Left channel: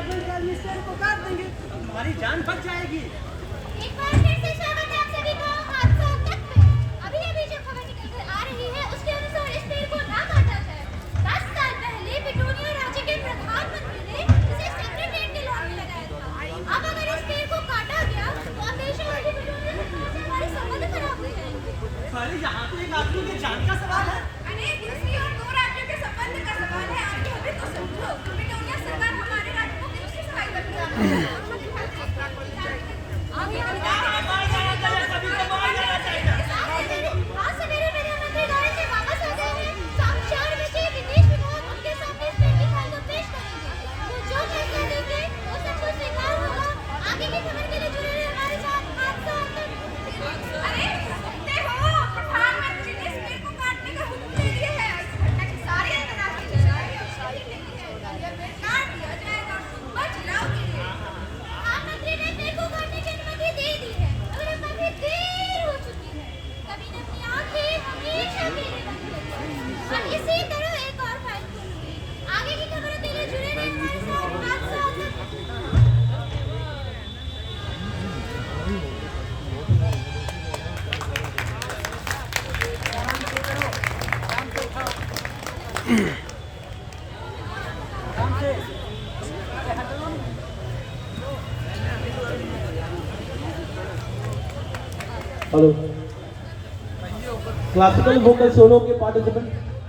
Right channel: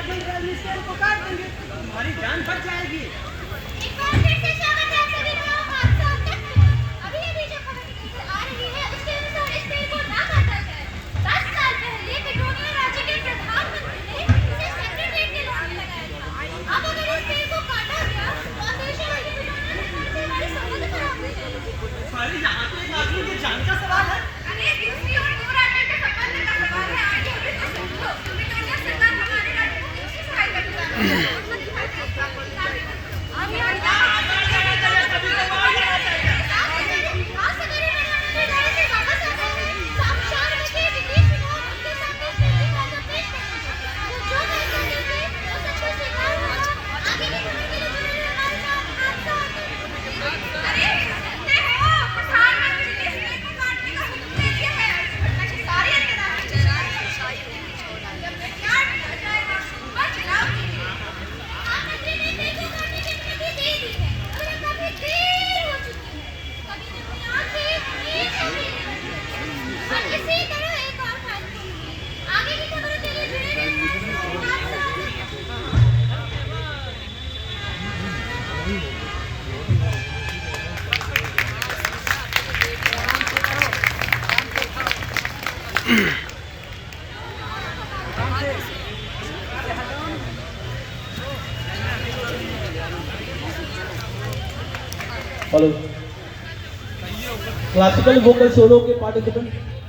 Spare को काट देंगे, तुम्हारी जान बच जाएगी। एक बार फिर से स्वागत है आप सभी का हादसा तक में। अभी जो खबर निकल आ रही है उसके अनुसार इस पेड़ को ना काटा जाए। 10 साल पहले पेट्रोलियम राज्य के प्रधानमंत्री ने इसे सेक्रेटरीट के लॉन में लगाया था। अब अगर इस पेड़ को काटा गया तो अंदेशा है कि पेट्रोलियम से हमारे संबंध खराब हो जाएंगे। सारी यहाँ तो एक आदमी की जान का सवाल है। अरे दूसरी और दो राज्यों के संबंध का सवाल है। आगे भी तो समझो, पेट्रोलियम सरकार हमारे राज्य को किसकी सहायता करती है? हेलो क्लासिकल वोकल सोलो के पार्टिसिपेंट